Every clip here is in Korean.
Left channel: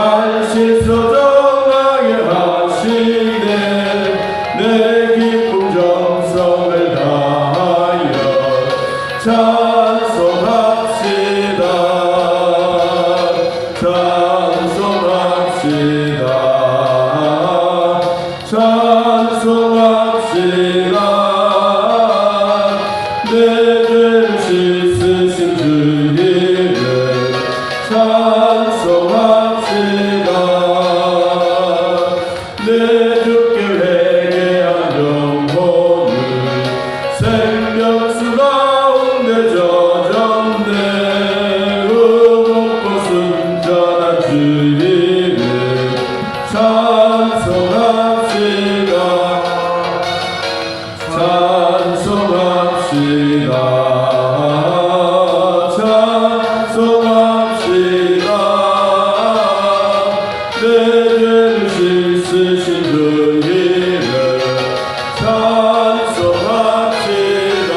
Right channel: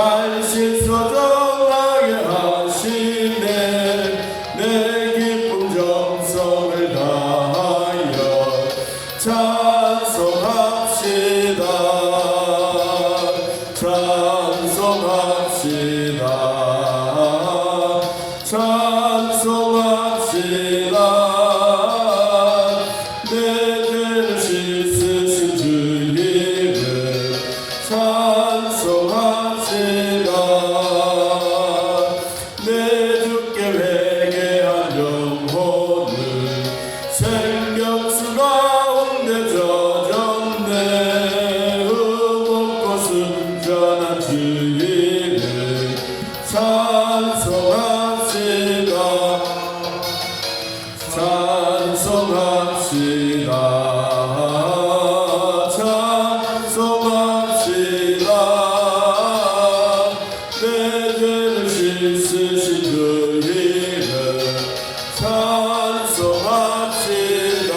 날 씻어정하게 하시네. 내 기쁨 정성을 다하여 찬송합시다. 찬송합시다. 찬송합시다. 내 죄를 씻으신 주님을 찬송합시다. 내 주께 회개한 영혼을 생명수 가운데 젖었네. 의롭고 순전한 주님을 찬송합시다. 찬송합시다. 찬송합시다. 내 죄를 씻으신 주님을 찬송합시다.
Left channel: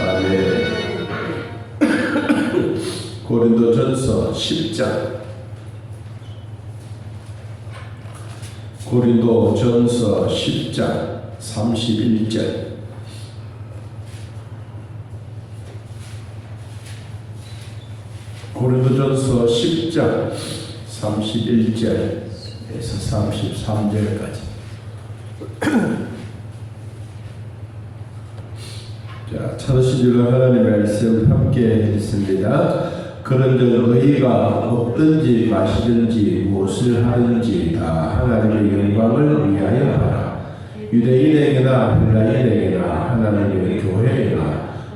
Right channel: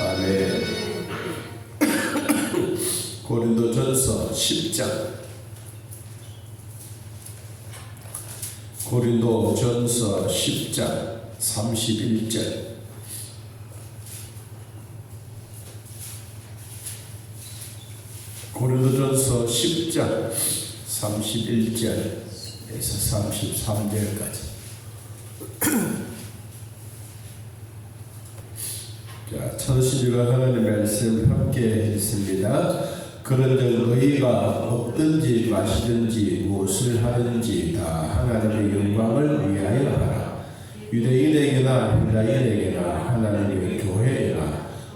아멘. 고린도전서 10장 고린도전서 10장 31절. 고린도전서 10장 31절에서 33절까지. 자, 찾으시기를 하나님의 말씀을 함께 했습니다. 그런즉 너희가 먹든지 마시든지 무엇을 하든지 다 하나님의 영광을 위하여 하라. 유대인에게나 헬라인에게나 하나님의 교회에나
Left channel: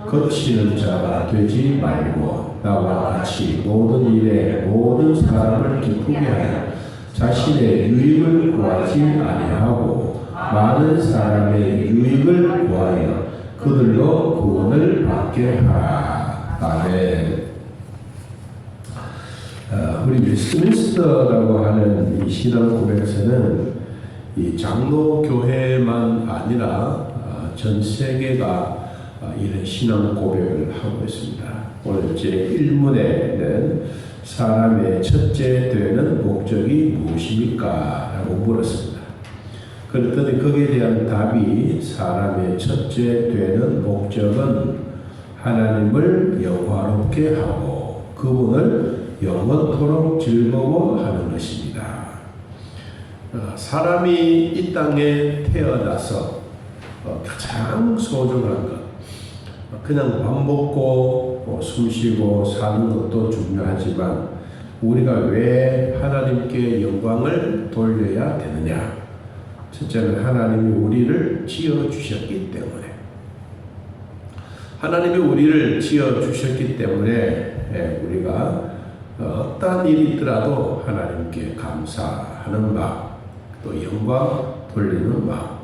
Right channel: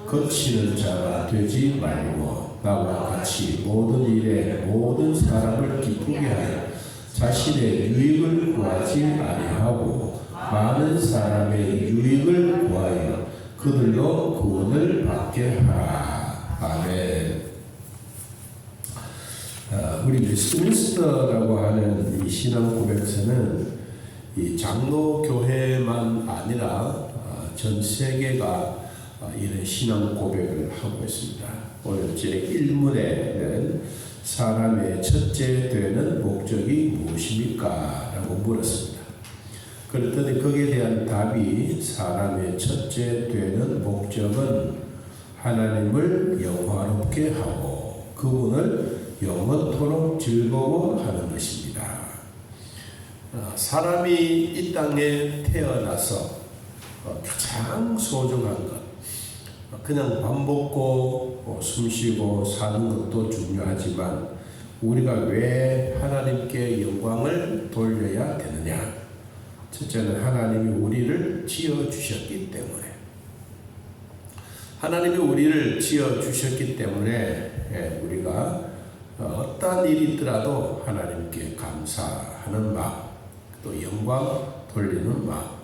거치는 자가 되지 말고 나와 같이 모든 일에 모든 사람을 기쁘게 하여 자신의 유익을 구하지 아니하고 많은 사람의 유익을 구하여 그들로 구원을 받게 하라. 아멘. 우리 웨스트민스터라고 하는 이 신앙 고백서는 이 장로 교회만 아니라 전 세계가 이런 신앙 고백을 하고 있습니다. 오늘 제1문에는 사람의 첫째 되는 목적이 무엇입니까? 라고 물었습니다. 그랬더니 거기에 대한 답이 사람의 첫째 되는 목적은 하나님을 영화롭게 하고 그분을 영원토록 즐거워하는 것입니다. 사람이 이 땅에 태어나서 가장 소중한 것, 그냥 밥 먹고 숨 쉬고 사는 것도 중요하지만 우리가 왜 하나님께 영광을 돌려야 되느냐? 첫째는 하나님이 우리를 지어주셨기 때문에, 하나님이 우리를 지어주셨기 때문에 우리가 어떠한 일이 있더라도 하나님께 감사하는 마음, 또 영광 돌리는 마음.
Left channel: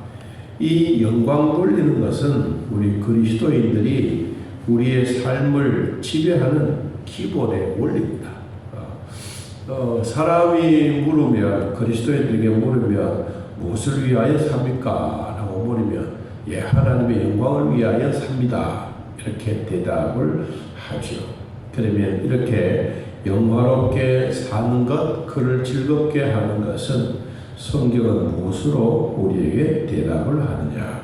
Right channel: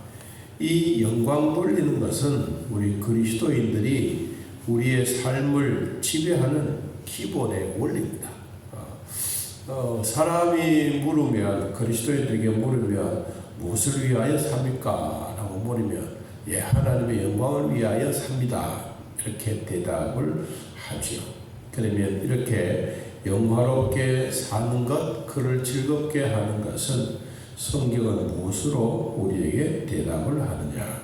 이 영광 돌리는 것은 우리 그리스도인들이 우리의 삶을 지배하는 기본의 원리입니다. 사람이 물으면, 그리스도인들에게 물으면 무엇을 위하여 삽니까? 라고 물으면 예, 하나님의 영광을 위하여 삽니다. 이렇게 대답을 하죠. 그러면 이렇게 영화롭게 사는 것, 그를 즐겁게 하는 것은 성경은 무엇으로 우리에게 대답을 하느냐?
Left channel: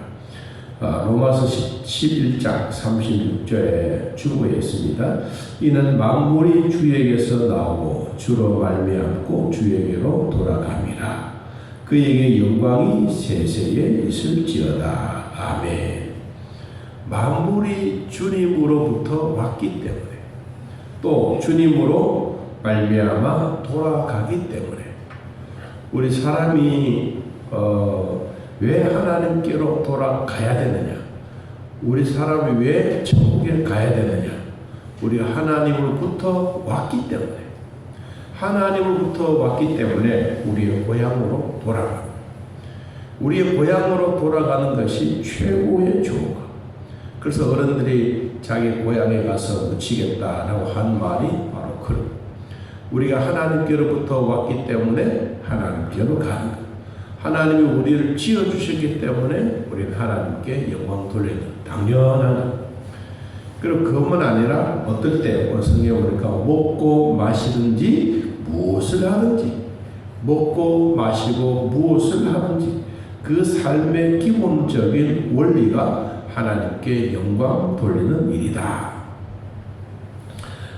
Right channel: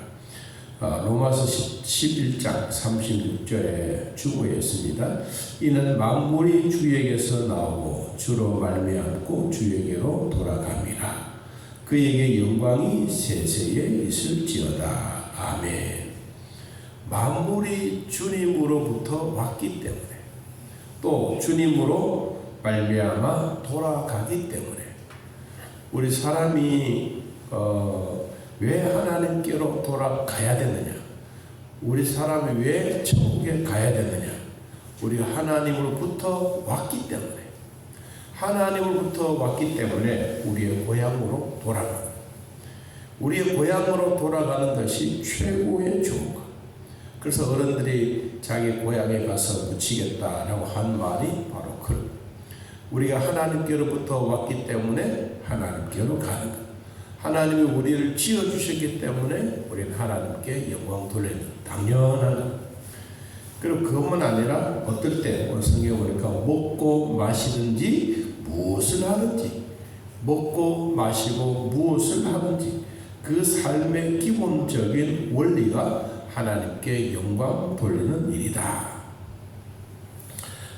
로마서 11장 36절에 주고에 있습니다. 이는 만물이 주에게서 나오고 주로 말미암고 주에게로 돌아갑니다. 그에게 영광이 세세에 있을지어다. 아멘. 만물이 주님으로부터 왔기 때문에, 또 주님으로 말미암아 돌아가기 때문에 우리 사람이 왜 하나님께로 돌아가야 되느냐? 우리 사람이 왜 천국에 가야 되느냐? 우리가 하나님으로부터 왔기 때문에, 하나님으로부터 왔기 때문에 우리의 고향으로 돌아가는, 우리의 고향으로 돌아가는 것이 최고의 좋은 것. 그래서 어른들이 자기 고향에 가서 묻히겠다라고 한 말이 바로 그런, 우리가 하나님께로부터 왔기 때문에 하나님께로 가는 것. 하나님이 우리를 지어주셨기 때문에 우리는 하나님께 영광 돌리는 당연한 것. 그리고 그것만 아니라 어떨 때 오늘 성경에 보니까 먹고 마시든지 무엇을 하든지, 먹고 마시고 무엇을 하든지 그 삶의 기본적인 원리가 하나님께 영광 돌리는 일이다.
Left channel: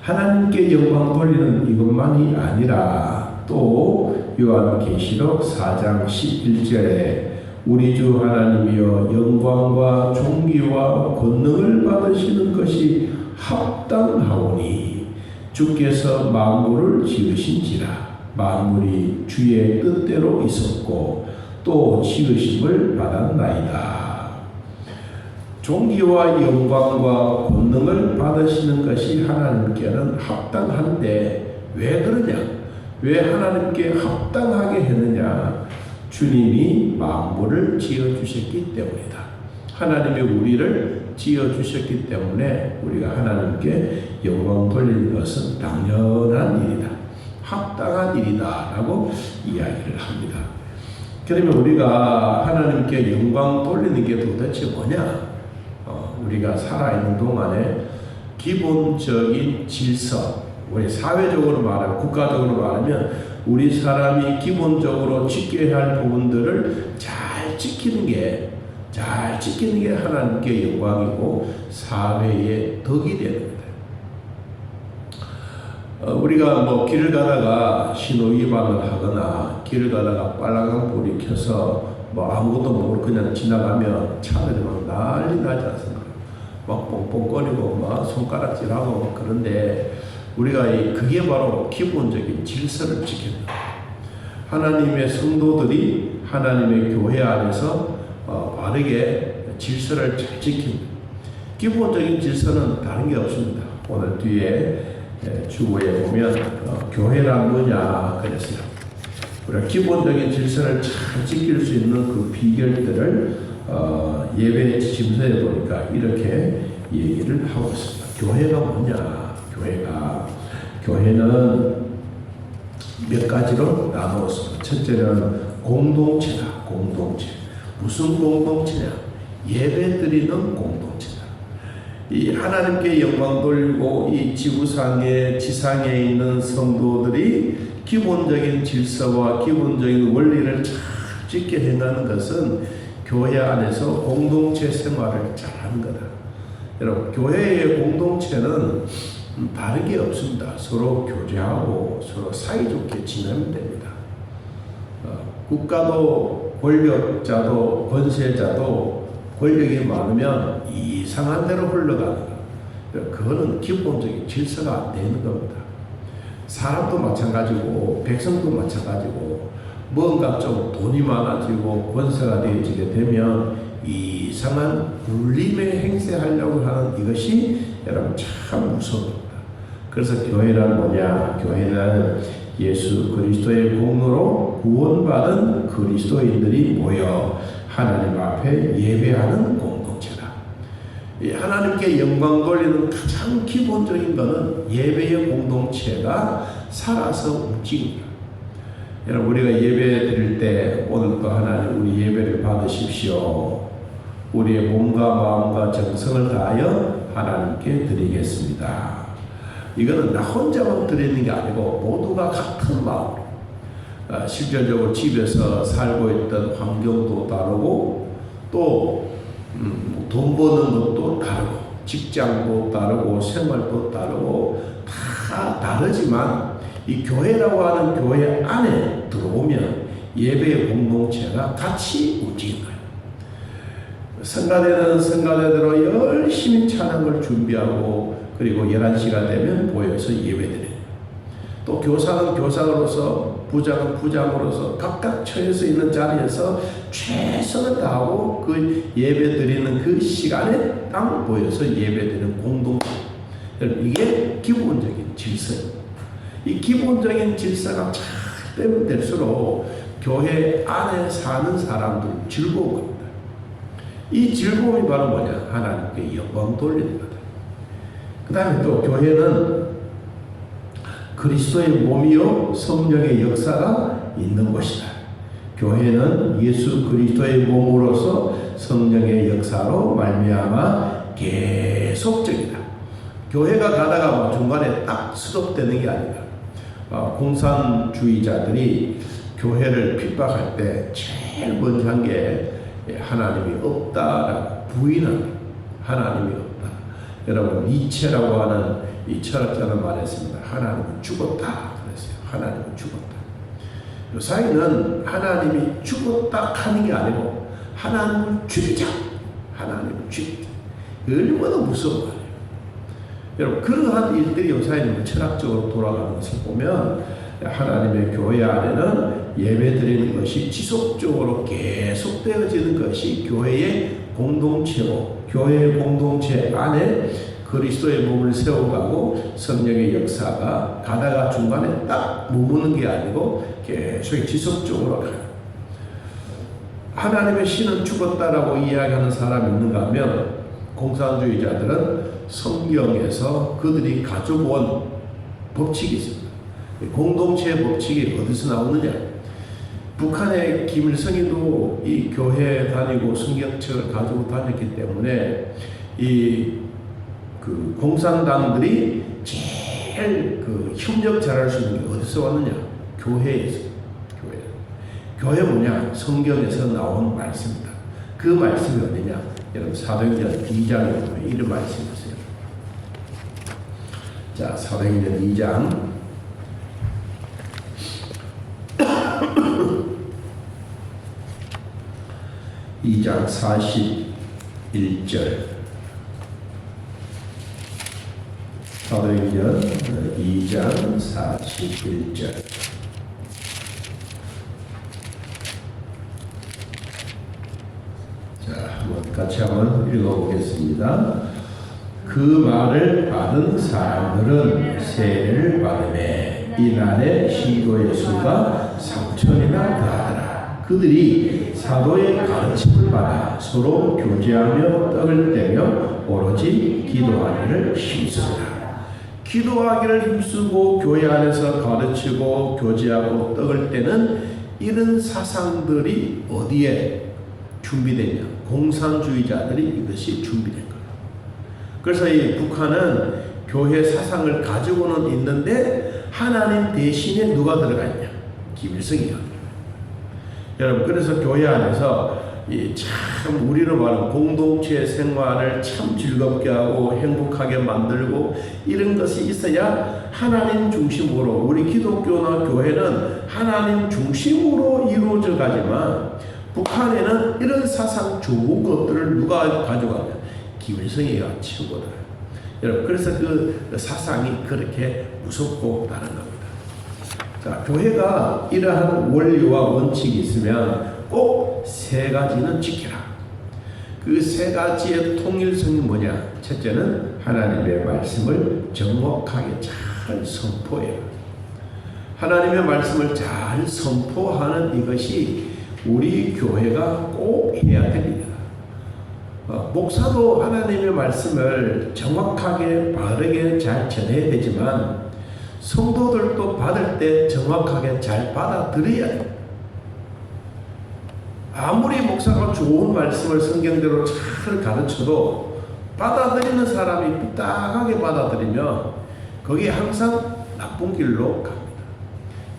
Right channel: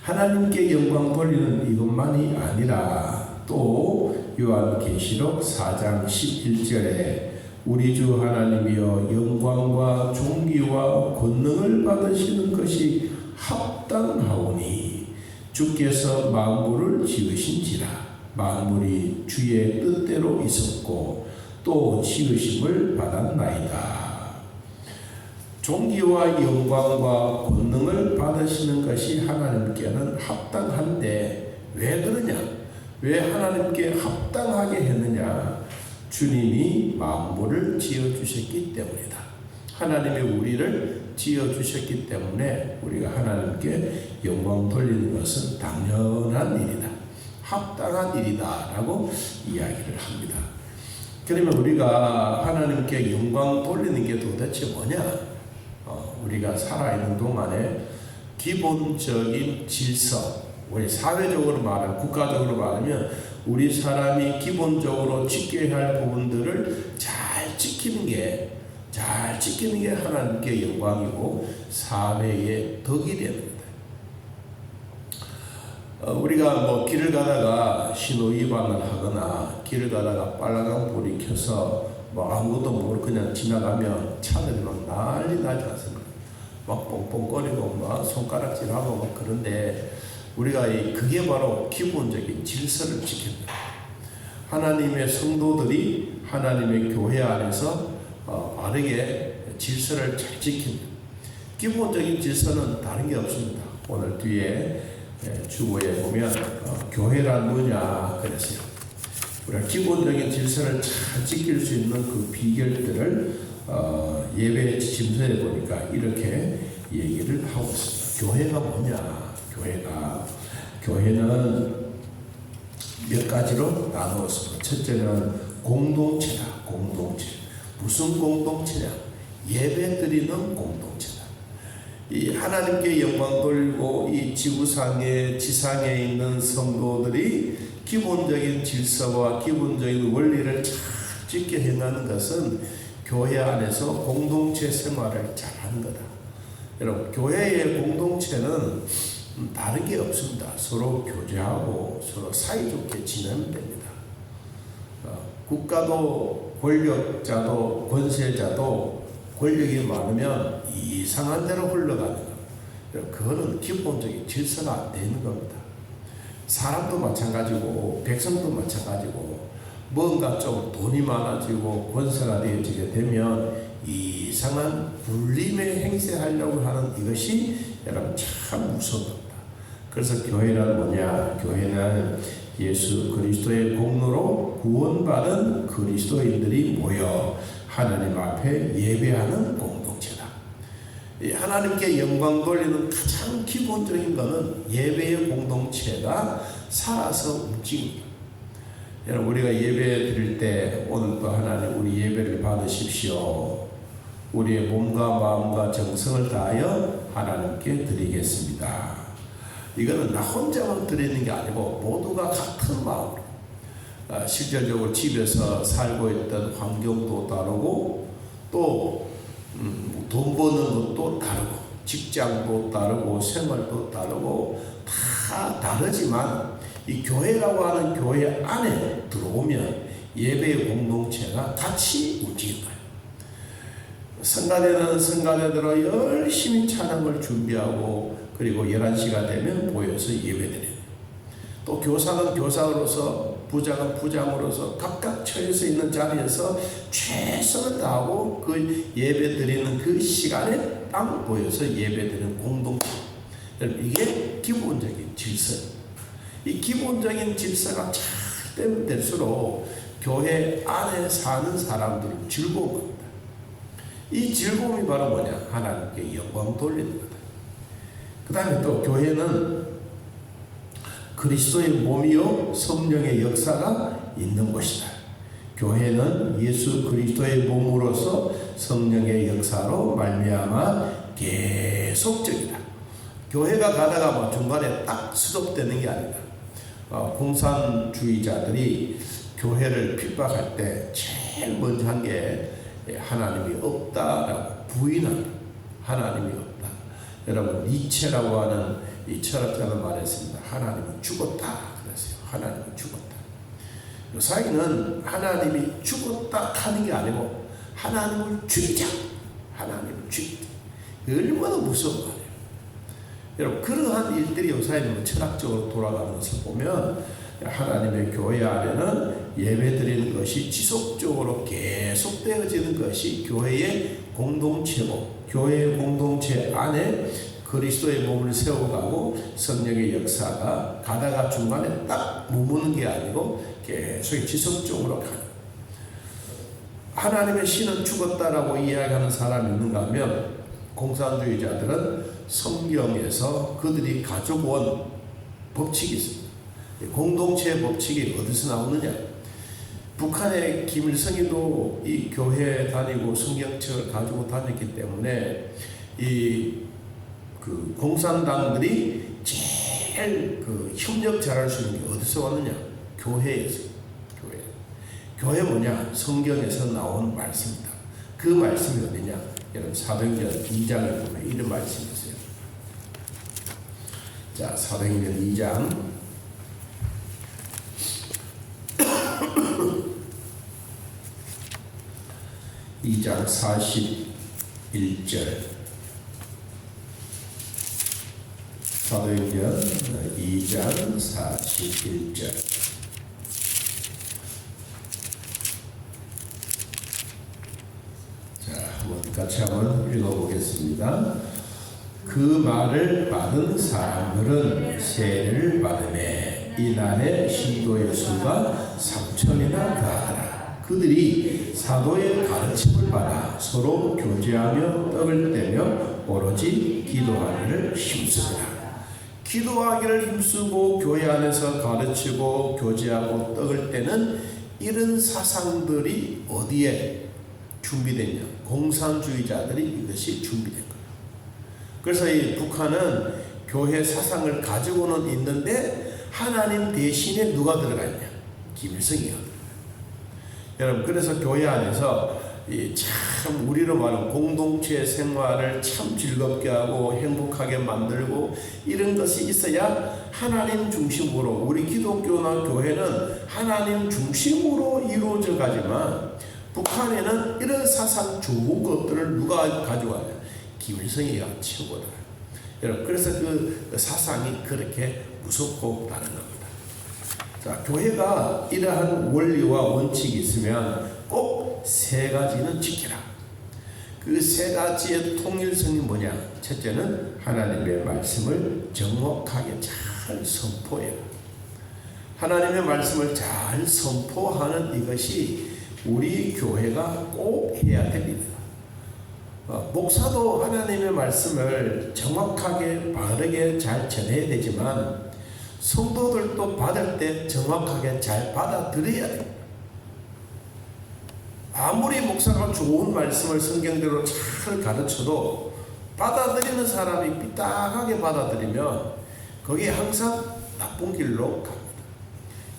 하나님께 영광 돌리는 이것만이 아니라 또 요한계시록 4장 11절에 우리 주 하나님이여 영광과 존귀와 권능을 받으시는 것이 합당하오니 주께서 만물을 지으신지라 만물이 주의 뜻대로 있었고 또 지으심을 받았나이다. 존귀와 영광과 권능을 받으시는 것이 하나님께는 합당한데 왜 그러냐? 왜 하나님께 합당하게 했느냐? 주님이 만물을 지어주셨기 때문이다. 하나님이 우리를 지어주셨기 때문에 우리가 하나님께 영광 돌리는 것은 당연한 일이다. 합당한 일이다 라고 이야기를 합니다. 그러면 우리가 하나님께 영광 돌리는 게 도대체 뭐냐? 우리가 살아있는 동안에 기본적인 질서, 우리 사회적으로 말하면, 국가적으로 말하면 우리 사람이 기본적으로 지켜야 할 부분들을 잘 지키는 게 하나님께 영광이고 사회의 덕이 되는 거다. 우리가 길을 가다가 신호 위반을 하거나 길을 가다가 빨간 불이 켜서 아무것도 모르고 그냥 지나가면 차들이 막 난리 나지 않습니까? 막 뻥뻥거리고 막 손가락질하고 그런데 우리가 그게 바로 기본적인 질서를 지키는 거예요. 하나님의 성도들이 하나님의 교회 안에서 바르게 질서를 잘 지킵니다. 기본적인 질서는 다른 게 없습니다. 오늘 뒤에 주보에 보면 교회란 뭐냐 그랬어요. 우리가 기본적인 질서를 잘 지킬 수 있는 그 비결들을 예배 지침서에 보니까 이렇게 얘기를 하고 있습니다. 교회가 뭐냐? 교회는 몇 가지로 나누었습니다. 첫째는 공동체다. 공동체. 무슨 공동체냐? 예배 드리는 공동체다. 이 하나님께 영광 돌리고 이 지상에 있는 성도들이 기본적인 질서와 기본적인 원리를 잘 지켜 행하는 것은 교회 안에서 공동체 생활을 잘하는 거다. 여러분, 교회의 공동체는 다른 게 없습니다. 서로 교제하고 서로 사이좋게 지내면 됩니다. 국가도 권력자도 권세자도 권력이 많으면 이상한 대로 흘러가는 것. 그거는 기본적인 질서가 안 되는 겁니다. 사람도 마찬가지고 백성도 마찬가지고 뭔가 좀 돈이 많아지고 권세가 되어지게 되면 이상한 불림의 행세하려고 하는 이것이 여러분 참 무서운 겁니다. 그래서 교회란 뭐냐? 교회는 예수 그리스도의 공로로 구원받은 그리스도인들이 모여 하나님 앞에 예배하는 공동체다. 하나님께 영광 돌리는 가장 기본적인 것은 예배의 공동체가 살아서 움직입니다. 여러분, 우리가 예배 드릴 때 오늘도 하나님 우리 예배를 받으십시오. 우리의 몸과 마음과 정성을 다하여 하나님께 드리겠습니다. 이거는 나 혼자만 드리는 게 아니고 모두가 같은 마음으로 실질적으로 집에서 살고 있던 환경도 다르고 또 돈 버는 것도 다르고 직장도 다르고 생활도 다르고 다 다르지만 이 교회라고 하는 교회 안에 들어오면 예배의 공동체가 같이 움직인 거예요. 성가대는 성가대대로 열심히 찬양을 준비하고 그리고 11시가 되면 모여서 예배드려요. 또 교사는 교사로서 부장은 부장으로서 각각 처해서 있는 자리에서 최선을 다하고 그 예배드리는 그 시간에 딱 모여서 예배드리는 공동체. 이게 기본적인 질서입니다. 이 기본적인 질서가 잘 되면 될수록 교회 안에 사는 사람들은 즐거운 겁니다. 이 즐거움이 바로 뭐냐? 하나님께 영광 돌리는 거다. 그 다음에 또 교회는 그리스도의 몸이요 성령의 역사가 있는 것이다. 교회는 예수 그리스도의 몸으로서 성령의 역사로 말미암아 계속적이다. 교회가 가다가 뭐 중간에 딱 스톱되는 게 아니라 공산주의자들이 교회를 핍박할 때 제일 먼저 한 게 하나님이 없다라고 부인한 하나님이 없다. 여러분 니체라고 하는 이 철학자는 말했습니다. 하나님은 죽었다 그랬어요. 하나님은 죽었다. 요사이는 하나님이 죽었다 하는 게 아니고 하나님을 죽이자. 하나님을 죽이자. 얼마나 무서운 거예요. 여러분 그러한 일들이 요사이는 철학적으로 돌아가는 것을 보면 하나님의 교회 안에는 예배드리는 것이 지속적으로 계속되어지는 것이 교회의 공동체고 교회의 공동체 안에 그리스도의 몸을 세워가고 성령의 역사가 가다가 중간에 딱 머무는 게 아니고 계속 지속적으로 가요. 하나님의 신은 죽었다라고 이야기하는 사람이 있는가 하면 공산주의자들은 성경에서 그들이 가져온 법칙이 있습니다. 공동체의 법칙이 어디서 나오느냐? 북한의 김일성이도 이 교회 다니고 성경책을 가지고 다녔기 때문에 그 공산당들이 제일 그 협력 잘할 수 있는 게 어디서 왔느냐? 교회에서. 교회 뭐냐? 성경에서 나온 말씀이다. 그 말씀이 어디냐? 여러분 사도행전 2장에 보면 이런 말씀이 있어요. 자, 사도행전 2장 2장 41절 사도행전 2장 41절 자, 같이 한번 읽어보겠습니다. 그 말을 받은 사람들은 세례를 받으매 이날에 신도의 수가 3,000이나 다하더라. 그들이 사도의 가르침을 받아 서로 교제하며 떡을 떼며 오로지 기도하기를 힘쓰더라. 기도하기를 힘쓰고 교회 안에서 가르치고 교제하고 떡을 떼는 이런 사상들이 어디에 준비되냐? 공산주의자들이 이것이 준비된 거예요. 그래서 이 북한은 교회 사상을 가지고는 있는데 하나님 대신에 누가 들어가 있냐? 김일성이요. 여러분 그래서 교회 안에서 참 우리로 말하는 공동체 생활을 참 즐겁게 하고 행복하게 만들고 이런 것이 있어야 하나님 중심으로 우리 기독교나 교회는 하나님 중심으로 이루어져 가지만 북한에는 이런 사상 좋은 것들을 누가 가져가냐? 김일성이가 최고다. 여러분 그래서 그 사상이 그렇게 무섭고 다른 겁니다. 자, 교회가 이러한 원리와 원칙이 있으면 꼭 세 가지는 지키라. 그 세 가지의 통일성이 뭐냐? 첫째는 하나님의 말씀을 정확하게 잘 선포해라. 하나님의 말씀을 잘 선포하는 이것이 우리 교회가 꼭 해야 됩니다. 목사도 하나님의 말씀을 정확하게 바르게 잘 전해야 되지만 성도들도 받을 때 정확하게 잘 받아들여야 됩니다. 아무리 목사가 좋은 말씀을 성경대로 잘 가르쳐도 받아들이는 사람이 삐딱하게 받아들이면 거기에 항상 나쁜 길로 갑니다.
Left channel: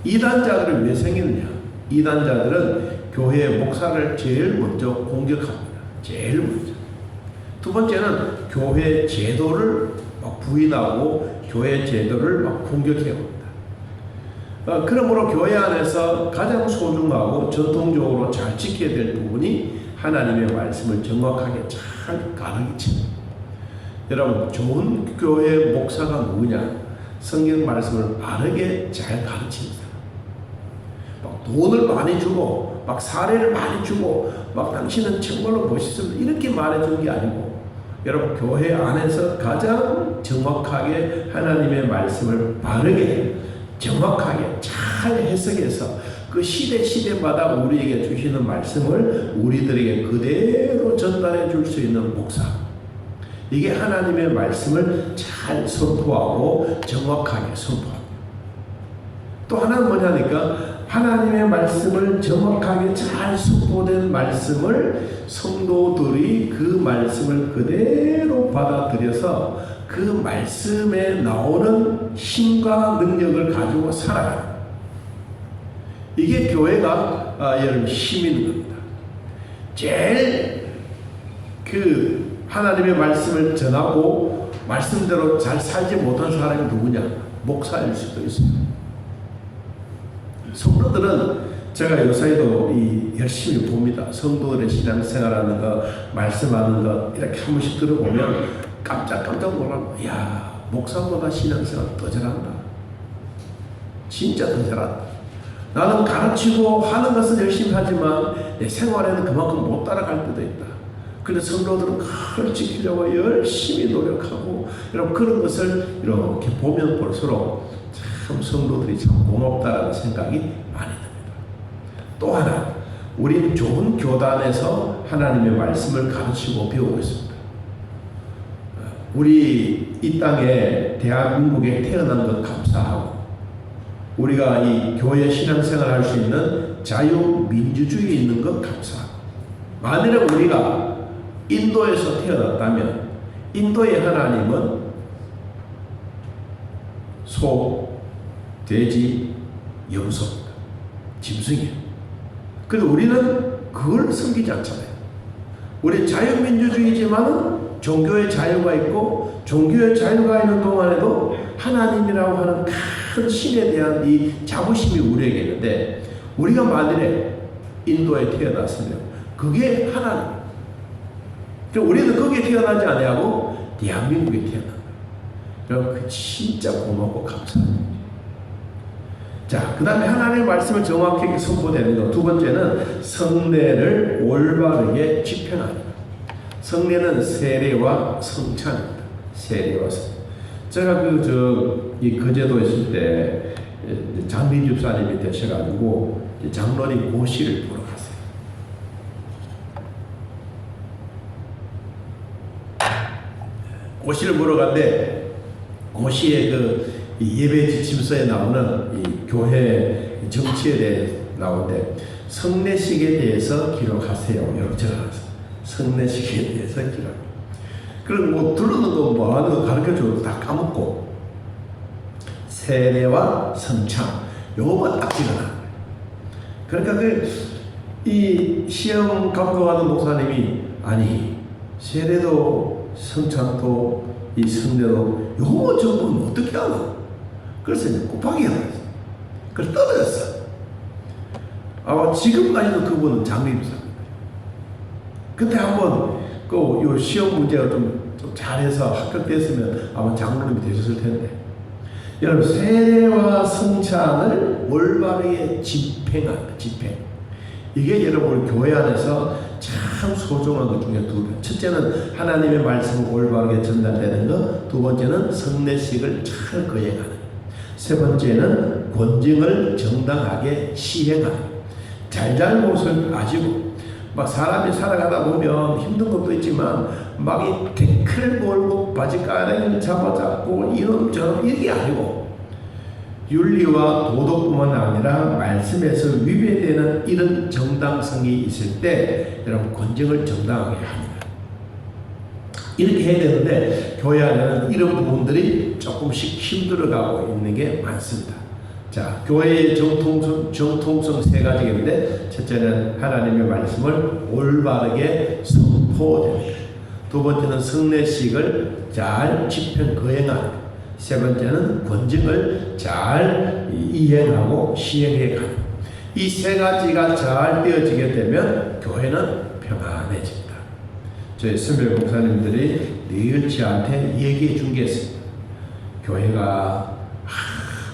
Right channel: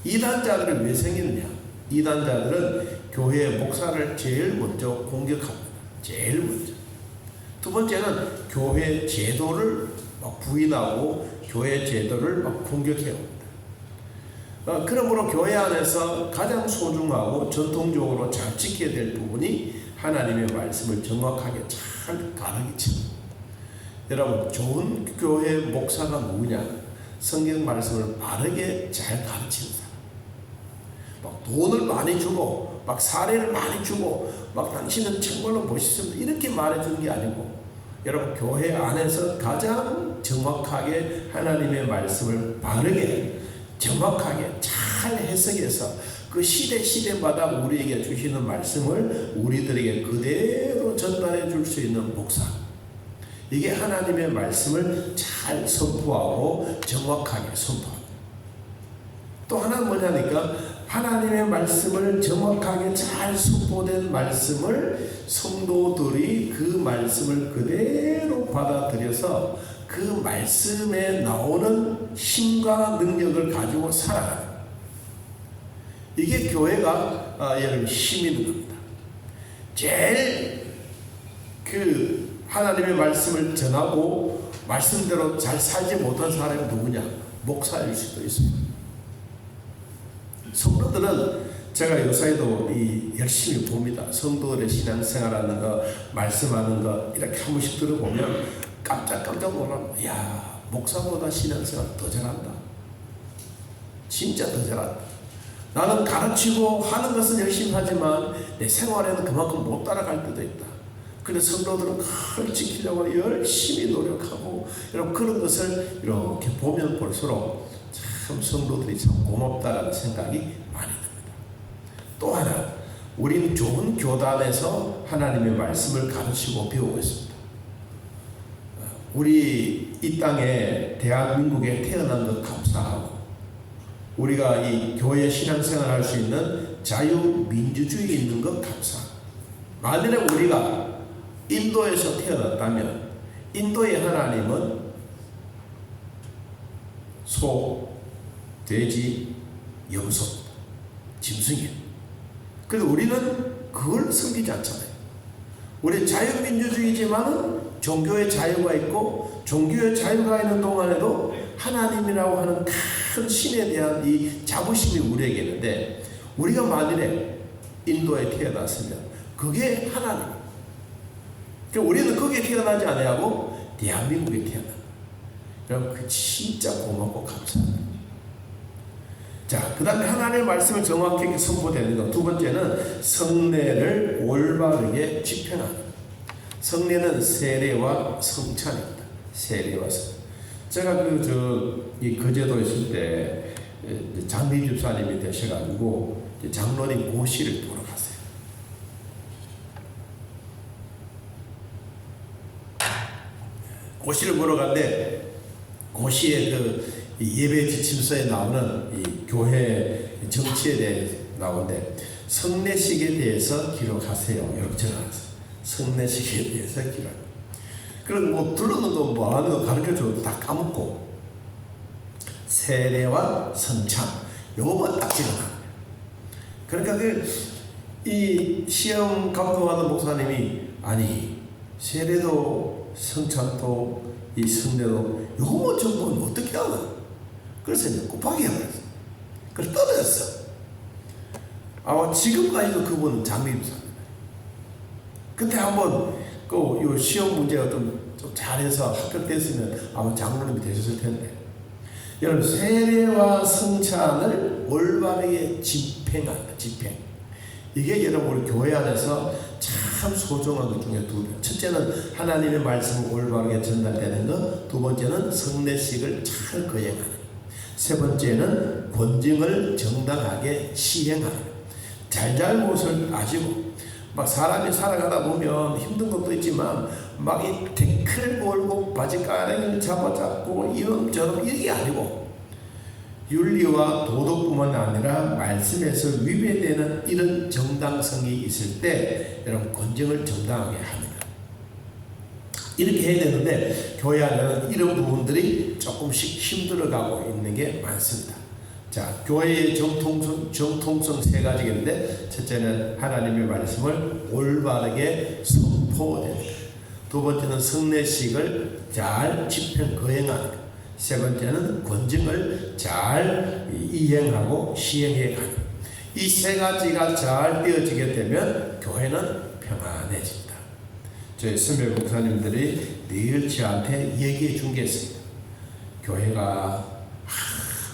이단자들은 왜 생기느냐? 이단자들은 교회 목사를 제일 먼저 공격합니다. 제일 먼저. 두 번째는 교회 제도를 막 부인하고 교회 제도를 막 공격해옵니다. 그러므로 교회 안에서 가장 소중하고 전통적으로 잘 지켜야 될 부분이 하나님의 말씀을 정확하게 잘 가르치는. 여러분 좋은 교회 목사가 누구냐? 성경 말씀을 바르게 잘 가르치는 사람. 막 돈을 많이 주고 막 사례를 많이 주고 막 당신은 정말로 멋있습니다 이렇게 말해주는 게 아니고 여러분 교회 안에서 가장 정확하게 하나님의 말씀을 바르게 정확하게 잘 해석해서 그 시대마다 우리에게 주시는 말씀을 우리들에게 그대로 전달해 줄 수 있는 목사. 이게 하나님의 말씀을 잘 선포하고 정확하게 선포합니다. 또 하나는 뭐냐니까 하나님의 말씀을 정확하게 잘 선포된 말씀을 성도들이 그 말씀을 그대로 받아들여서 그 말씀에 나오는 힘과 능력을 가지고 살아가요. 이게 교회가 여러분 힘 있는 겁니다. 제일 그 하나님의 말씀을 전하고 말씀대로 잘 살지 못한 사람이 누구냐? 목사일 수도 있습니다. 성도들은 제가 요사이도 열심히 봅니다. 성도들의 신앙생활하는 거, 말씀하는 거 이렇게 한 번씩 들어보면 깜짝깜짝 놀랍니다. 야, 목사보다 신앙생활 더 잘한다. 진짜 더 잘한다. 나는 가르치고 하는 것은 열심히 하지만 내 생활에는 그만큼 못 따라갈 때도 있다. 그래서 성도들은 그걸 지키려고 열심히 노력하고 이런 그런 것을 이렇게 보면 볼수록 참 성도들이 참 고맙다라는 생각이 많이 듭니다. 또 하나, 우리는 좋은 교단에서 하나님의 말씀을 가르치고 배우고 있습니다. 우리 이 땅에 대한민국에 태어난 것 감사하고 우리가 이 교회 신앙생활 할 수 있는 자유민주주의 있는 것 감사하고 만일에 우리가 인도에서 태어났다면 인도의 하나님은 소, 돼지, 염소입니다. 짐승이에요. 그래서 우리는 그걸 섬기지 않잖아요. 우리 자유민주주의지만은 종교의 자유가 있고 종교의 자유가 있는 동안에도 하나님이라고 하는 큰 신에 대한 이 자부심이 우리에게 있는데 우리가 만일에 인도에 태어났으면 그게 하나님. 우리는 거기에 태어나지 아니하고 대한민국에 태어나. 그럼 그 진짜 고맙고 감사합니다. 자, 그 다음에 하나님의 말씀을 정확하게 선포되는 것. 두 번째는 성례를 올바르게 집행합니다. 성례는 세례와 성찬입니다. 세례와 성. 제가 이 거제도에 있을 때 장미 집사님이 되셔가지고 장로님 고시를 보러 갔어요. 고시를 보러 갔는데 고시의 그 예배 지침서에 나오는 이 교회 정치에 대해 나오는데 성례식에 대해서 기록하세요. 이렇게 적어놨어요. 성례식에 대해서 기록. 그럼 뭐 둘러는 거 뭐 하는 거 가르쳐줘도 다 까먹고 세례와 성찬 요거만 딱 찍어놔. 그러니까 이 시험 감독하는 목사님이 아니 세례도 성찬도 이 성례도 요거 적으면 어떻게 하나? 그래서 이제 곱하기 해버렸어. 그래서 떨어졌어. 아마 지금까지도 그분은 장립사입니다. 그때 한번 요 시험 문제가 좀 잘해서 합격됐으면 아마 장로님이 되셨을 텐데 여러분 세례와 성찬을 올바르게 집행합니다. 집행. 이게 여러분 우리 교회 안에서 참 소중한 것 중에 두 번. 첫째는 하나님의 말씀을 올바르게 전달되는 것. 두 번째는 성례식을 잘 거행하는 것. 세 번째는 권징을 정당하게 시행하는 것. 잘잘못을 아시고 막 사람이 살아가다 보면 힘든 것도 있지만 막 이 태클 걸고 바지가랑이를 잡아잡고 이런저런 이게 아니고 윤리와 도덕뿐만 아니라 말씀에서 위배되는 이런 정당성이 있을 때 여러분 권징을 정당하게 합니다. 이렇게 해야 되는데 교회 안에는 이런 부분들이 조금씩 힘들어가고 있는 게 많습니다. 자, 교회의 정통성 세 가지가 있는데 첫째는 하나님의 말씀을 올바르게 선포됩니다. 두 번째는 성례식을 잘 집행 거행하는 것. 세 번째는 권징을 잘 이행하고 시행해 가는 것. 이 세 가지가 잘 되어지게 되면 교회는 평안해집니다. 저희 선배 목사님들이 늘 저한테 얘기해 준 게 있습니다. 교회가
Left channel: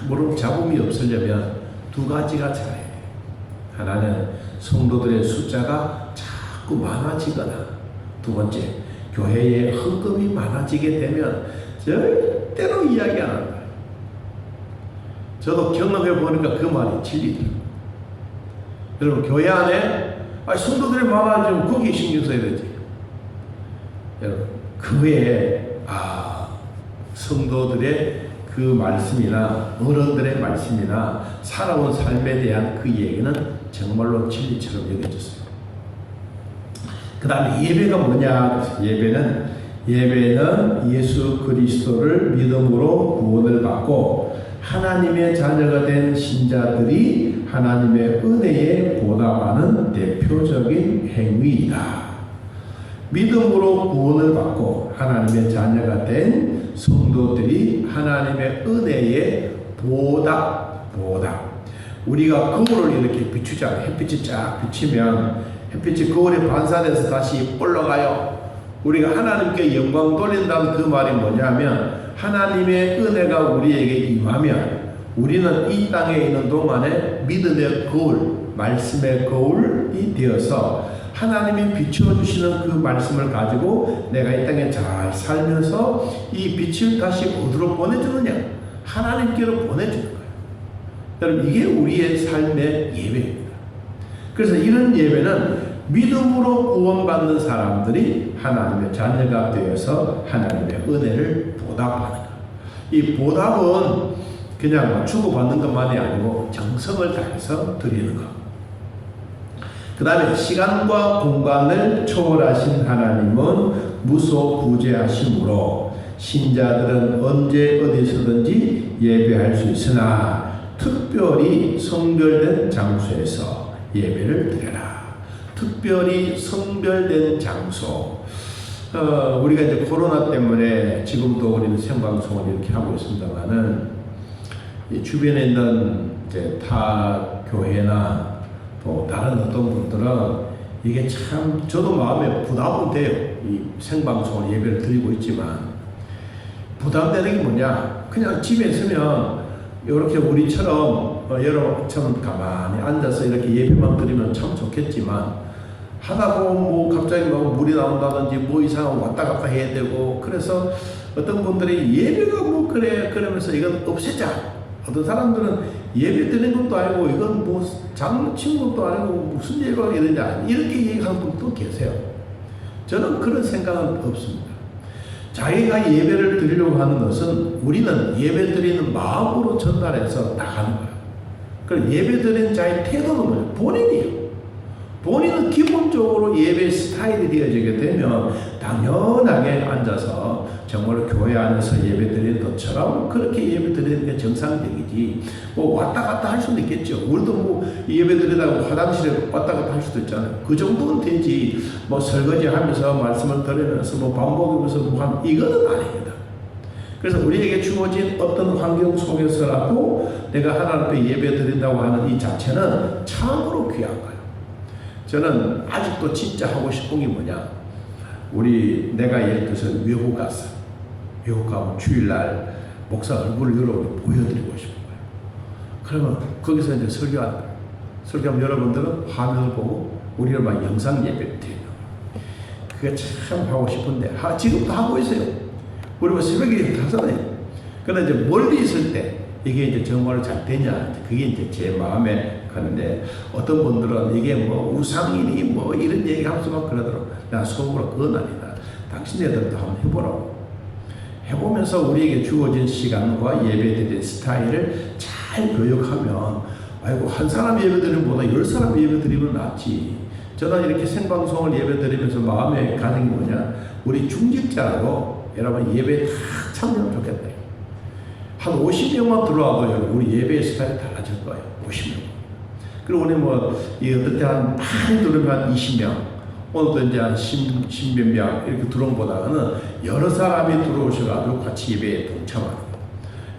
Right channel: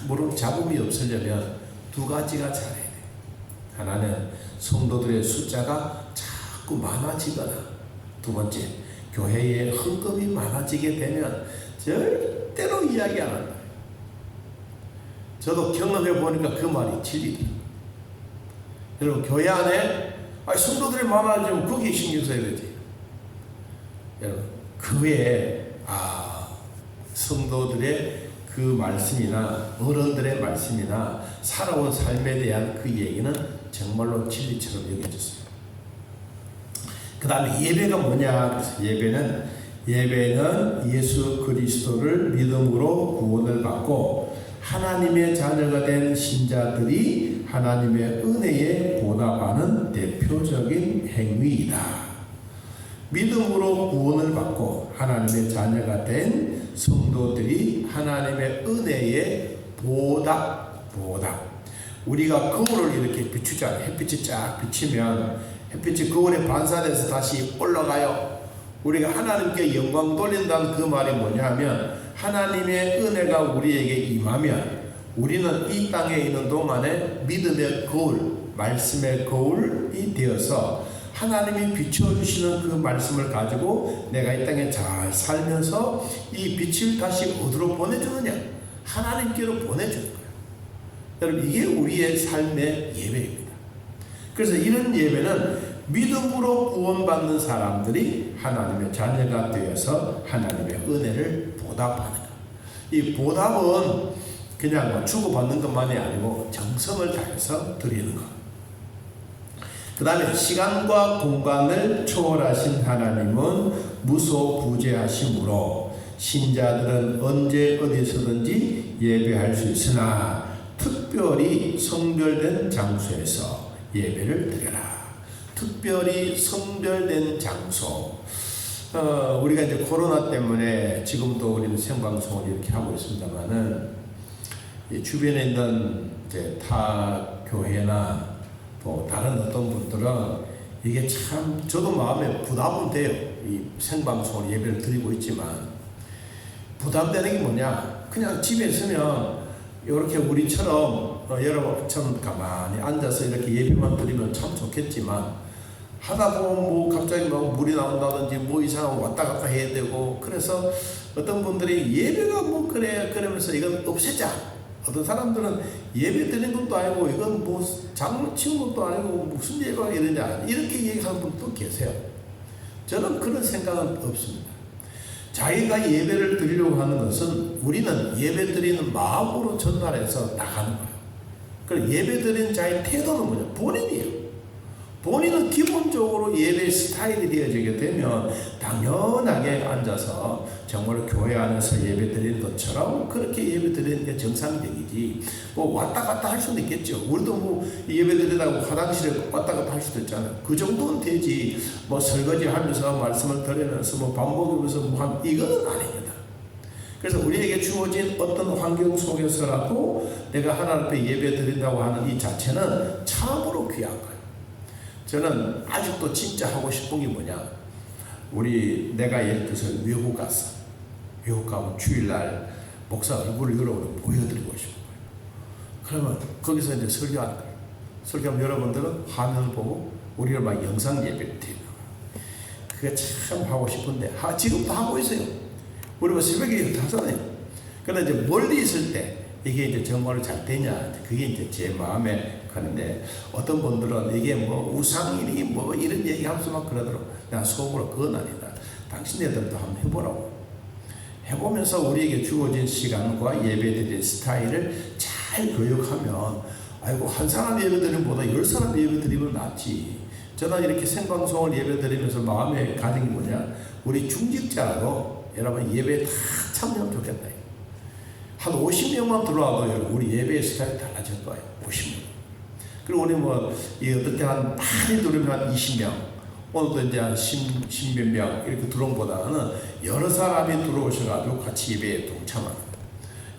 무릎 잡음이 없으려면 두 가지가 잘해야 돼. 하나는 성도들의 숫자가 자꾸 많아지거나 두 번째 교회에 헌금이 많아지게 되면 절대로 이야기 안 한다. 저도 경험해 보니까 그 말이 진리더라고요. 여러분 교회 안에 성도들이 많아지면 거기에 신경 써야 되지. 여러분 그 외에 성도들의 그 말씀이나 어른들의 말씀이나 살아온 삶에 대한 그 얘기는 정말로 진리처럼 여겨졌어요. 그 다음에 예배가 뭐냐? 그래서 예배는 예배는 예수 그리스도를 믿음으로 구원을 받고 하나님의 자녀가 된 신자들이 하나님의 은혜에 보답하는 대표적인 행위이다. 믿음으로 구원을 받고 하나님의 자녀가 된 성도들이 하나님의 은혜에 보답. 우리가 거울을 이렇게 비추잖아요. 햇빛이 쫙 비치면 햇빛이 거울에 반사돼서 다시 올라가요. 우리가 하나님께 영광 돌린다는 그 말이 뭐냐면 하나님의 은혜가 우리에게 임하면 우리는 이 땅에 있는 동안에 믿음의 거울, 말씀의 거울이 되어서 하나님이 비춰주시는 그 말씀을 가지고 내가 이 땅에 잘 살면서 이 빛을 다시 어디로 보내주느냐? 하나님께로 보내주는 거예요. 여러분, 이게 우리의 삶의 예배입니다. 그래서 이런 예배는 믿음으로 구원받는 사람들이 하나님의 자녀가 되어서 하나님의 은혜를 보답하는 거예요. 이 보답은 그냥 주고받는 것만이 아니고 정성을 다해서 드리는 것. 그 다음에 시간과 공간을 초월하신 하나님은 무소부재하심으로 신자들은 언제 어디서든지 예배할 수 있으나 특별히 성별된 장소에서 예배를 드려라. 특별히 성별된 장소. 우리가 이제 코로나 때문에 지금도 우리는 생방송을 이렇게 하고 있습니다만은 주변에 있는 이제 타 교회나 또 다른 어떤 분들은 이게 참 저도 마음에 부담은 돼요. 이 생방송을 예배를 드리고 있지만 부담되는 게 뭐냐? 그냥 집에 있으면 이렇게 우리처럼 여러분처럼 가만히 앉아서 이렇게 예배만 드리면 참 좋겠지만 하다 보면 뭐 갑자기 뭐 물이 나온다든지 뭐 이상한 왔다 갔다 해야 되고 그래서 어떤 분들이 예배가 뭐 그래 그러면서 이건 없애자. 어떤 사람들은 예배 드리는 것도 아니고 이건 뭐 장을 치는 것도 아니고 무슨 예배가 이러냐 이렇게 얘기하는 분도 계세요. 저는 그런 생각은 없습니다. 자기가 예배를 드리려고 하는 것은 우리는 예배 드리는 마음으로 전달해서 나가는 거예요. 그럼 예배 드리는 자의 태도는 뭐냐? 본인이에요. 본인은 기본적으로 예배 스타일이 되어지게 되면 당연하게 앉아서 정말 교회 안에서 예배 드리는 것처럼 그렇게 예배 드리는 게 정상적이지. 뭐 왔다 갔다 할 수도 있겠죠. 우리도 뭐 예배 드리다가 화장실에 왔다 갔다 할 수도 있잖아요. 그 정도는 되지. 뭐 설거지 하면서 말씀을 들으면서 뭐 밥 먹으면서 뭐 한 이거는 아닙니다. 그래서 우리에게 주어진 어떤 환경 속에서라도 내가 하나님 앞에 예배 드린다고 하는 이 자체는 참으로 귀한 거예요. 저는 아직도 진짜 하고 싶은 게 뭐냐? 내가 예를 들어서 외국 갔어. 외국 가면 주일날 목사 얼굴을 여러분을 보여드리고 싶은 거예요. 그러면 거기서 이제 설교한다. 설교하면 여러분들은 화면을 보고 우리를 막 영상 예배를 드리는 거예요. 그게 참 하고 싶은데 지금도 하고 있어요. 우리 뭐 새벽에 하잖아요. 그런데 이제 멀리 있을 때 이게 이제 정말 잘 되냐? 그게 이제 제 마음에 가는데 어떤 분들은 이게 뭐 우상이니 뭐 이런 얘기하면서 막 그러더라고. 나 속으로 그건 아니다. 당신네들도 한번 해보라고. 해보면서 우리에게 주어진 시간과 예배드리는 스타일을 잘 교육하면 아이고 한 사람 예배드리는 것보다 10사람 예배드리면 낫지. 저는 이렇게 생방송을 예배드리면서 마음의 가정이 뭐냐? 우리 중직자라도 여러분 예배에 다 참여하면 좋겠다. 한 50명만 들어와도 우리 예배의 스타일이 달라질 거예요. 50명. 그리고 우리 어떨 때 많이 들으면 한 20명, 오늘도 이제 한 10몇 명 이렇게 들어온보다는 여러 사람이 들어오셔가지고 같이 예배에 동참하는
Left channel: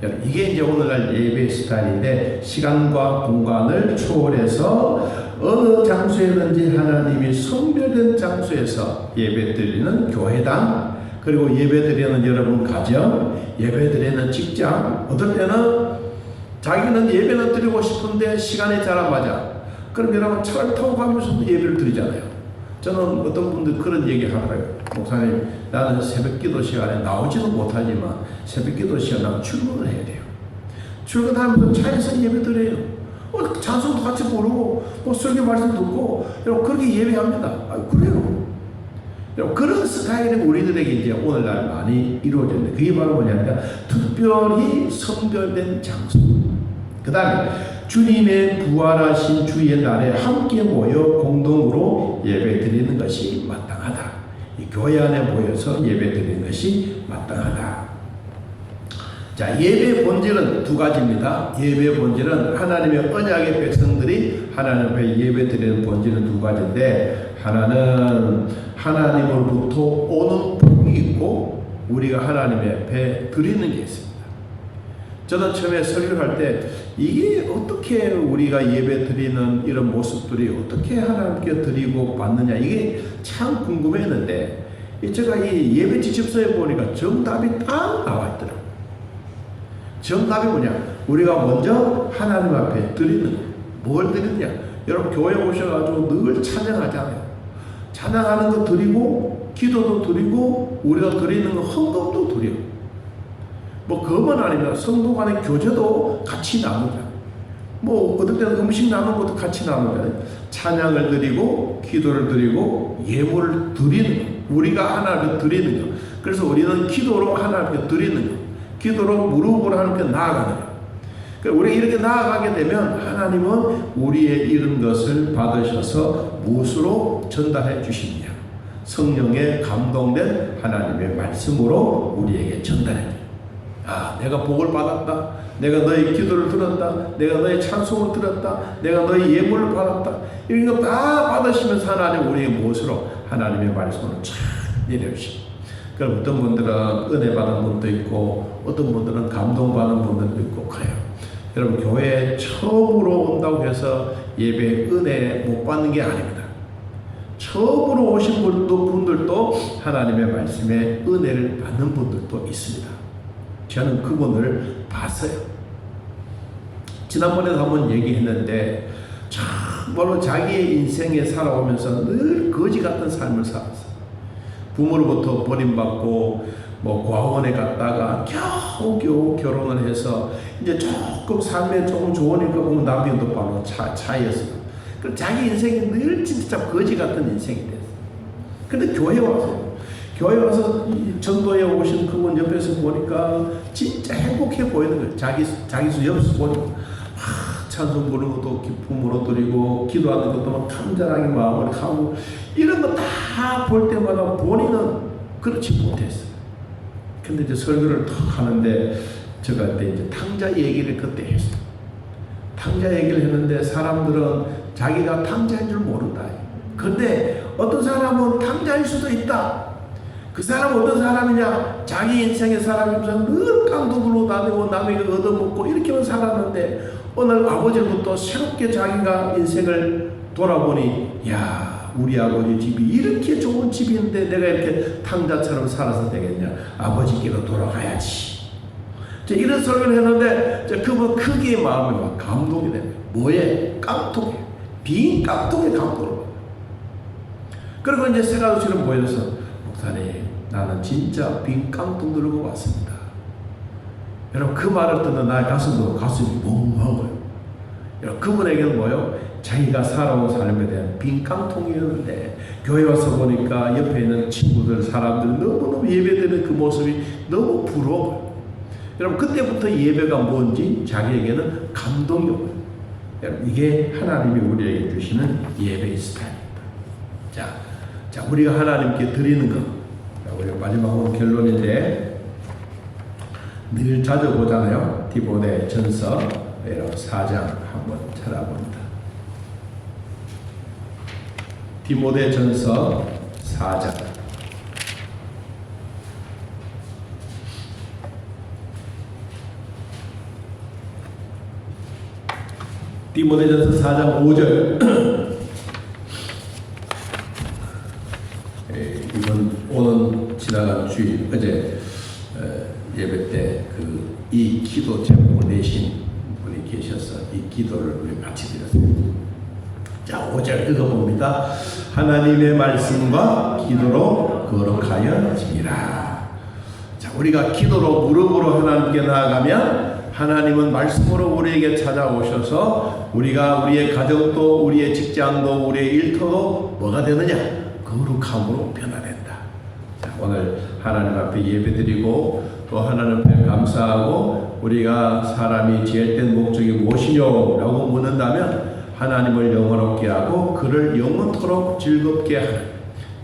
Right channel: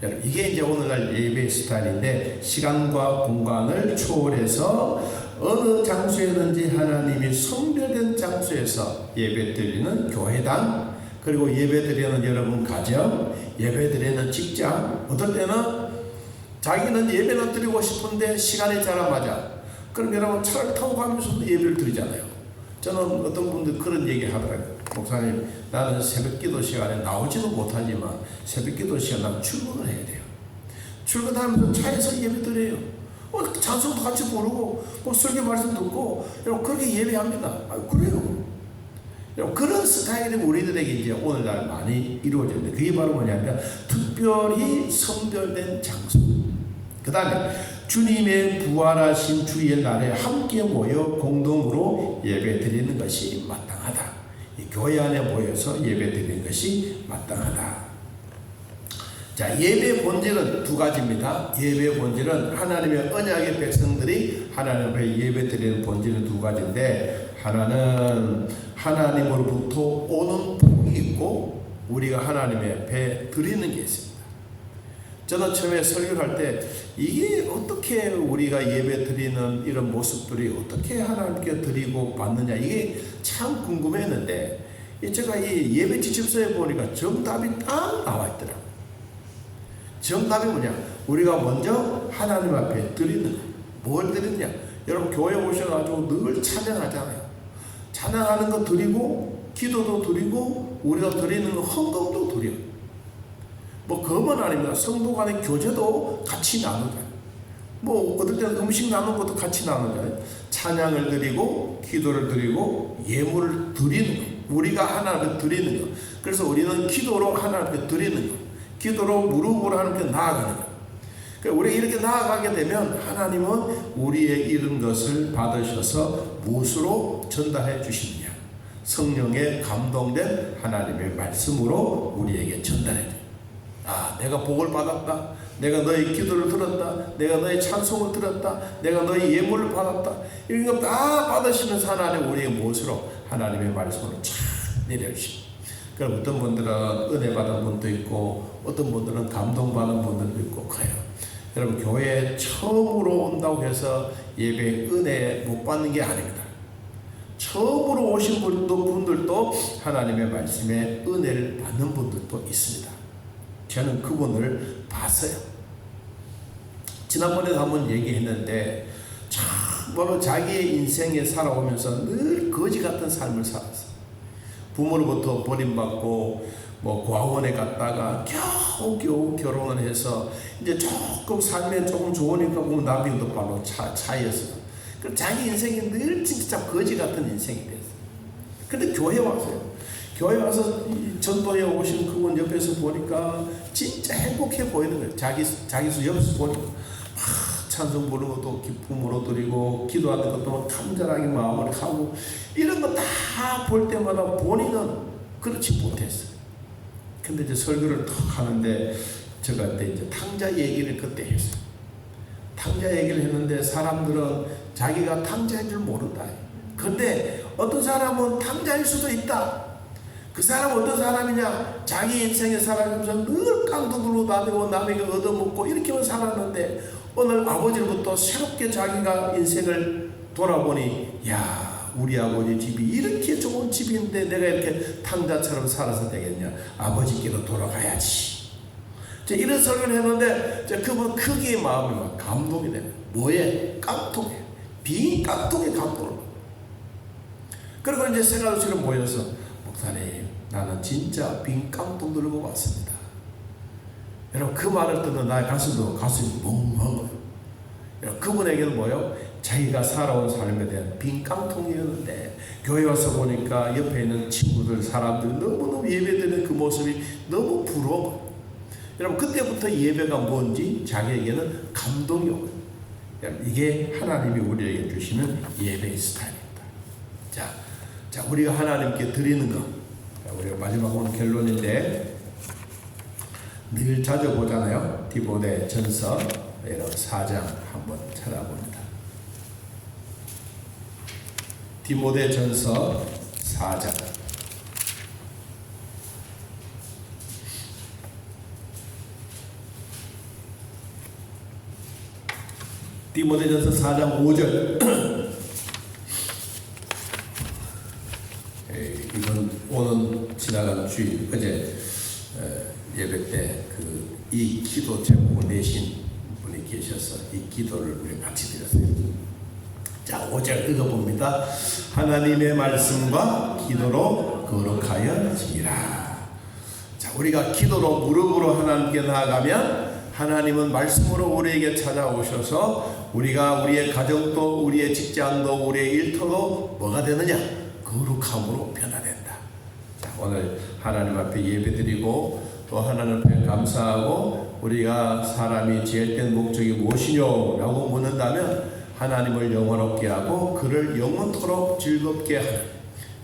거예요. 이게 이제 오늘날 예배 스타일인데 시간과 공간을 초월해서 어느 장소에든지 하나님이 성별된 장소에서 예배 드리는 교회당, 그리고 예배 드리는 여러분 가정, 예배 드리는 직장, 어떨 때는 자기는 예배는 드리고 싶은데 시간이 잘 안 맞아. 그럼 여러분 차를 타고 가면서도 예배를 드리잖아요. 저는 어떤 분들 그런 얘기 하더라고요. 목사님, 나는 새벽 기도 시간에 나오지는 못하지만 새벽 기도 시간에 나는 출근을 해야 돼요. 출근하면서 차에서 예배 드려요. 찬송도 같이 부르고 뭐 설교 말씀 듣고 여러분 그렇게 예배합니다. 그래요. 여러분 그런 스타일이 우리들에게 이제 오늘날 많이 이루어졌는데 그게 바로 뭐냐면 특별히 성별된 장소. 그 다음에 주님의 부활하신 주의 날에 함께 모여 공동으로 예배 드리는 것이 마땅하다. 교회 안에 모여서 예배 드리는 것이 마땅하다. 자, 예배의 본질은 두 가지입니다. 예배의 본질은 하나님의 언약의 백성들이 하나님 앞에 예배 드리는 본질은 두 가지인데, 하나는 하나님으로부터 오는 복이 있고 우리가 하나님 앞에 드리는 게 있습니다. 저는 처음에 설교할 때 이게 어떻게 우리가 예배 드리는 이런 모습들이 어떻게 하나님께 드리고 받느냐, 이게 참 궁금했는데, 제가 이 예배 지침서에 보니까 정답이 딱 나와 있더라고요. 정답이 뭐냐? 우리가 먼저 하나님 앞에 드리는 거예요. 뭘 드리느냐? 여러분 교회 오셔가지고 늘 찬양하잖아요. 찬양하는 거 드리고, 기도도 드리고, 우리가 드리는 거 헌금도 드려요. 뭐 그것만 아닙니다. 성도 간의 교제도 같이 나누자. 뭐 어떨 때는 음식 나누는 것도 같이 나누잖아요. 찬양을 드리고, 기도를 드리고, 예물을 드리는 거, 우리가 하나님께 드리는 거. 그래서 우리는 기도로 하나님께 드리는 거, 기도로 무릎으로 하나님께 나아가는 거. 그러니까 우리가 이렇게 나아가게 되면 하나님은 우리의 이런 것을 받으셔서 무엇으로 전달해 주시느냐? 성령에 감동된 하나님의 말씀으로 우리에게 전달해 줘요. 아, 내가 복을 받았다. 내가 너의 기도를 들었다. 내가 너의 찬송을 들었다. 내가 너의 예물을 받았다. 이런 거 다 받으시면서 하나님 우리에게 무엇으로? 하나님의 말씀으로 쫙 내려주십니다. 그럼 어떤 분들은 은혜 받은 분도 있고, 어떤 분들은 감동받은 분들도 있고 그래요. 여러분 교회에 처음으로 온다고 해서 예배 은혜 못 받는 게 아닙니다. 처음으로 오신 분들도 하나님의 말씀에 은혜를 받는 분들도 있습니다. 저는 그분을 봤어요. 지난번에도 한번 얘기했는데 정말로 자기의 인생에 살아오면서 늘 거지 같은 삶을 살았어요. 부모로부터 버림받고 뭐 고아원에 갔다가 겨우겨우 결혼을 해서 이제 조금 삶에 조금 좋으니까 보면 남편도 바로 차이였어요. 그럼 자기 인생이 늘 진짜 거지 같은 인생이 됐어요. 근데 교회 와서 전도에 오신 그분 옆에서 보니까 진짜 행복해 보이는 거예요. 자기 옆에서 보니까 찬송 부르는 것도 기쁨으로 드리고, 기도하는 것도 막 간절하게 마음을 하고, 이런 거 다 볼 때마다 본인은 그렇지 못했어요. 근데 이제 설교를 탁 하는데 제가 그때 이제 탕자 얘기를 그때 했어요. 탕자 얘기를 했는데 사람들은 자기가 탕자인 줄 모른다. 근데 어떤 사람은 탕자일 수도 있다. 그 사람은 어떤 사람이냐? 자기 인생의 사람이면서 늘 깡통으로 다니고 남에게 얻어먹고 이렇게만 살았는데, 오늘 아버지부터 새롭게 자기가 인생을 돌아보니, 야, 우리 아버지 집이 이렇게 좋은 집인데 내가 이렇게 탕자처럼 살아서 되겠냐? 아버지께로 돌아가야지. 이런 설교를 했는데 그분 크게 마음이 막 감동이 되네요. 뭐에? 깡통에. 빈 깡통에 감동을 받아요. 그리고 이제 세가도처럼 보여서, 목사님, 나는 진짜 빈 깡통 들고 왔습니다. 여러분 그 말을 듣는 나의 가슴이 멍한 거예요. 여러분 그분에게는 뭐예요? 자기가 살아온 삶에 대한 빈 깡통이었는데, 교회 와서 보니까 옆에 있는 친구들, 사람들 너무너무 예배드리는 그 모습이 너무 부러워요. 여러분 그때부터 예배가 뭔지 자기에게는 감동이 오고요. 여러분 이게 하나님이 우리에게 주시는 예배의 스타일입니다. 자, 우리가 하나님께 드리는 것, 우리가 마지막으로 결론인데, 늘 자주 보잖아요. 디모데 전서 4장 한번 찾아봅니다. 디모데 전서 4장. 디모데전서 4장 5절. 이번 오는 지나간 주일 어제 예배 때 이 기도 제목을 내신 분이 계셔서 이 기도를 우리 같이 드렸습니다. 자, 5절 읽어봅니다. 하나님의 말씀과 기도로 거룩하여 지니라. 자, 우리가 기도로 무릎으로 하나님께 나아가면 하나님은 말씀으로 우리에게 찾아오셔서 우리가 우리의 가정도, 우리의 직장도, 우리의 일터도 뭐가 되느냐? 거룩함으로 변화된다. 자, 오늘 하나님 앞에 예배드리고 또 하나님 앞에 감사하고, 우리가 사람이 지혜된 목적이 무엇이냐라고 묻는다면 하나님을 영원롭게 하고 그를 영원토록 즐겁게 하는,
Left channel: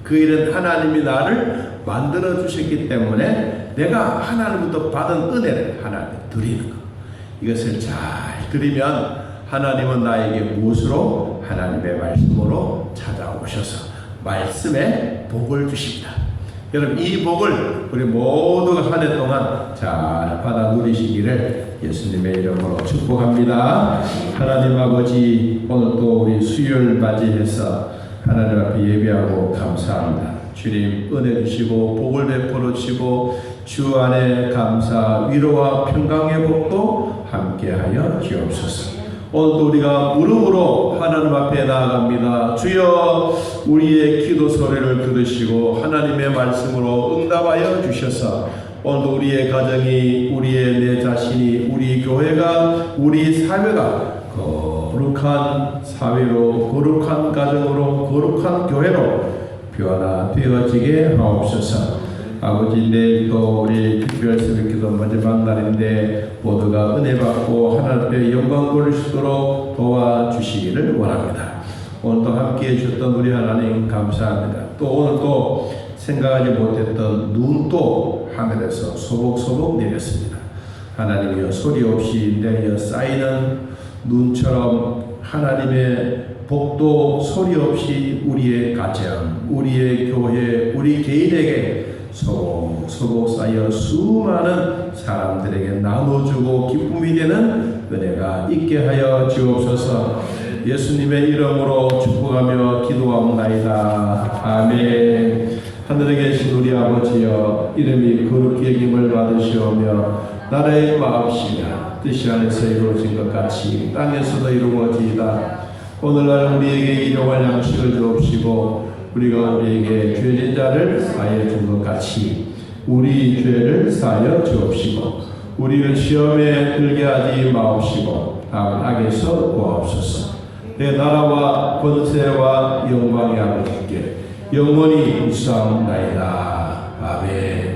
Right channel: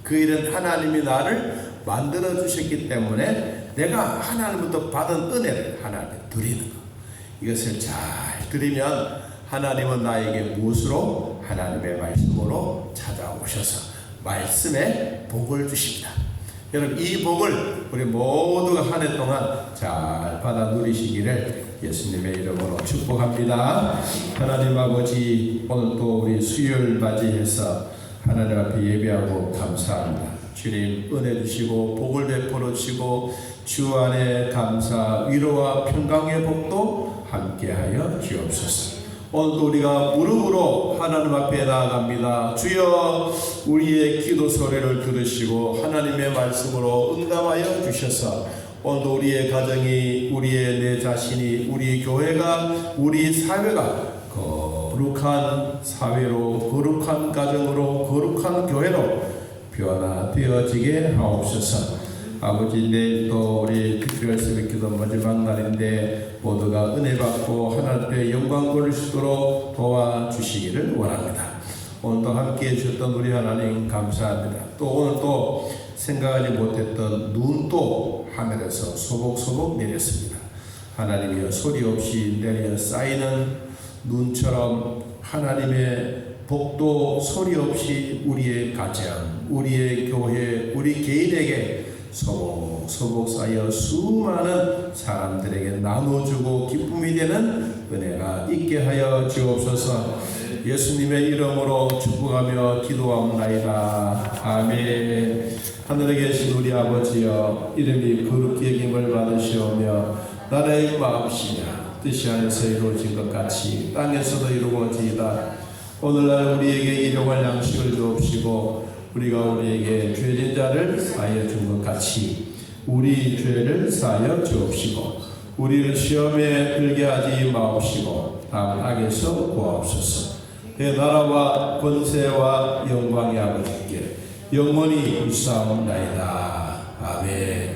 그 일은 하나님이 나를 만들어 주셨기 때문에 내가 하나님부터 받은 은혜를 하나님께 드리는 것. 이것을 잘 드리면 하나님은 나에게 무엇으로? 하나님의 말씀으로 찾아오셔서 말씀에 복을 주십니다. 여러분, 이 복을 우리 모두가 한 해 동안 잘 받아 누리시기를 예수님의 이름으로 축복합니다. 하나님 아버지, 오늘 또 우리 수요일 맞이해서 하나님 앞에 예배하고 감사합니다. 주님 은혜 주시고 복을 베풀어 주시고 주 안에 감사, 위로와 평강의 복도 함께하여 주옵소서. 오늘도 우리가 무릎으로 하나님 앞에 나아갑니다. 주여, 우리의 기도 소리를 들으시고 하나님의 말씀으로 응답하여 주셔서 오늘도 우리의 가정이, 우리의 내 자신이, 우리 교회가, 우리 사회가 거룩한 사회로, 거룩한 가정으로, 거룩한 교회로 변화되어지게 하옵소서. 아버지, 내일도 우리 특별 새벽기도 마지막 날인데 모두가 은혜 받고 하나님께 영광 돌릴 수 있도록 도와주시기를 원합니다. 오늘도 함께해 주셨던 우리 하나님 감사합니다. 또 오늘도 생각하지 못했던 눈도 하늘에서 소복소복 내렸습니다. 하나님이여, 소리 없이 내려 쌓이는 눈처럼 하나님의 복도 소리 없이 우리의 가정, 우리의 교회, 우리 개인에게 소복소복 쌓여 수많은 사람들에게 나눠주고 기쁨이 되는 은혜가 있게 하여 주옵소서. 예수님의 이름으로 축복하며 기도하옵나이다. 아멘. 하늘에 계신 우리 아버지여, 이름이 거룩히 여김을 받으시오며 나라의 마옵시며 뜻이 안에서 이루어진 것 같이 땅에서도 이루어지이다. 오늘날 우리에게 일용할 양식을 주옵시고 우리가 우리에게 죄진 자를 사하여 준 것 같이 우리 죄를 사하여 주옵시고 우리를 시험에 들게 하지 마옵시고 다음 악에서 구하옵소서. 내 나라와 권세와 영광의 아버지께 영원히 있사옵나이다. 아멘.